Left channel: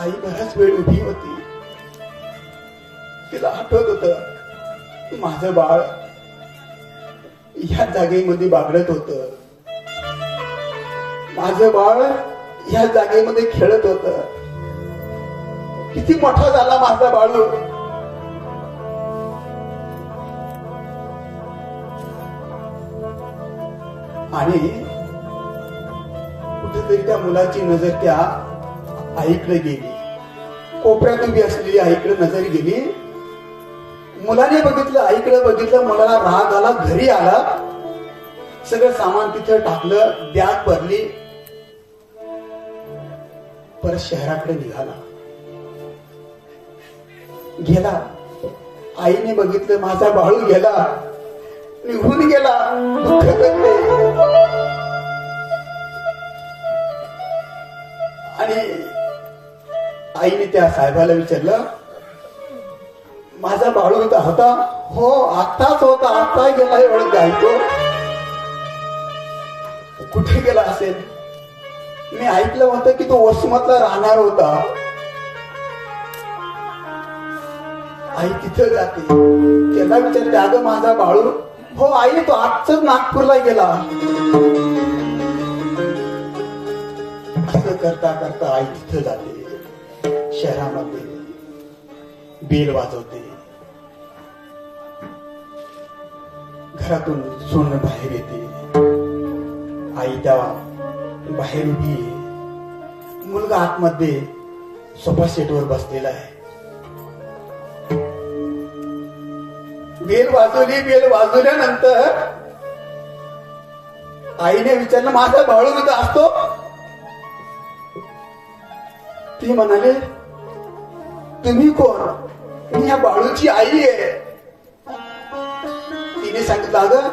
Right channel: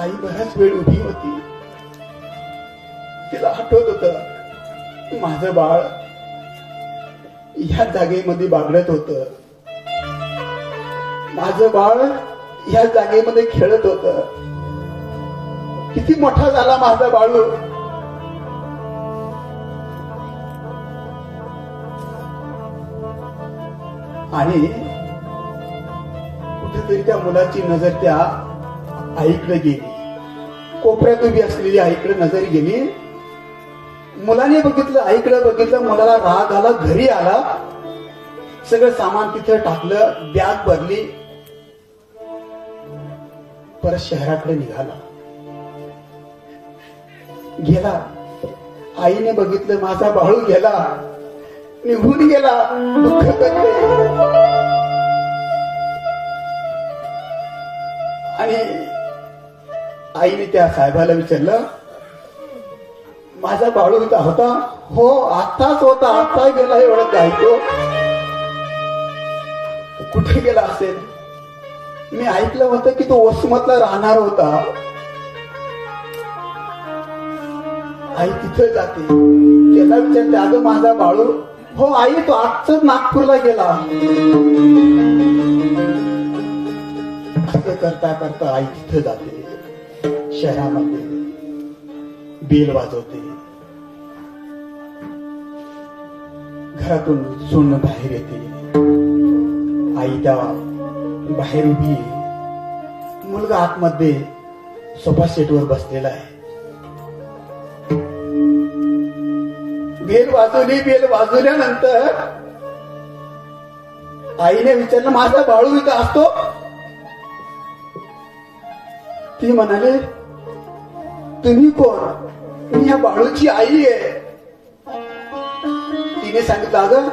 आई बराच वेळ उभी होती. तिला आठवत होत माझं बाळ ह्या जागेमध्ये बागडत होत. माझं बाळ ह्या जागेमध्ये खेळत होत. किती मोठा झाला माझा बाळू आणि कुठेतरी त्या मुलाची नजर त्या आईकडे गेली. कोपऱ्यात उभी असलेली आईकडे नजर गेली. मुलाने बघितलं आईकडे बघितलं मुलाला राग आला घरी आला. सगळं सामान तिथं टाकलं बॅग भरली. परत शहराकडे निघाला. गेला. आईने बघितलं माझा बाळू गेला. निघून गेला. दुःख आईने त्या साहेबाला विचारलं माझा बाळू इथं होता? हो आताच होता. आत्ता गेला एवढं तो कुठे गेला असेल? मी ऐकलं होतं की तो वसमतला राहणार होता. आई तिथं जाते. त्याला विचारते अगं माझा बाळू. हो आई तो आजच नागपूरला गेला. असं करता करता आई तिथं जाते. शहरामध्ये बेल वाजवते. घरातून सोनं बाहेर येते. आई त्या बाहेर उभी मुलगा आतमध्ये सोफा सेटवर बसलेला आहे. बेल वाजवली बेल वाजवल्यानंतर आईने विचारलं माझा बाळू इथं असतो? ती म्हणाले तुम्ही कोण? मी ह्या बाळूची आई आहे. तिने सांगितलं अगं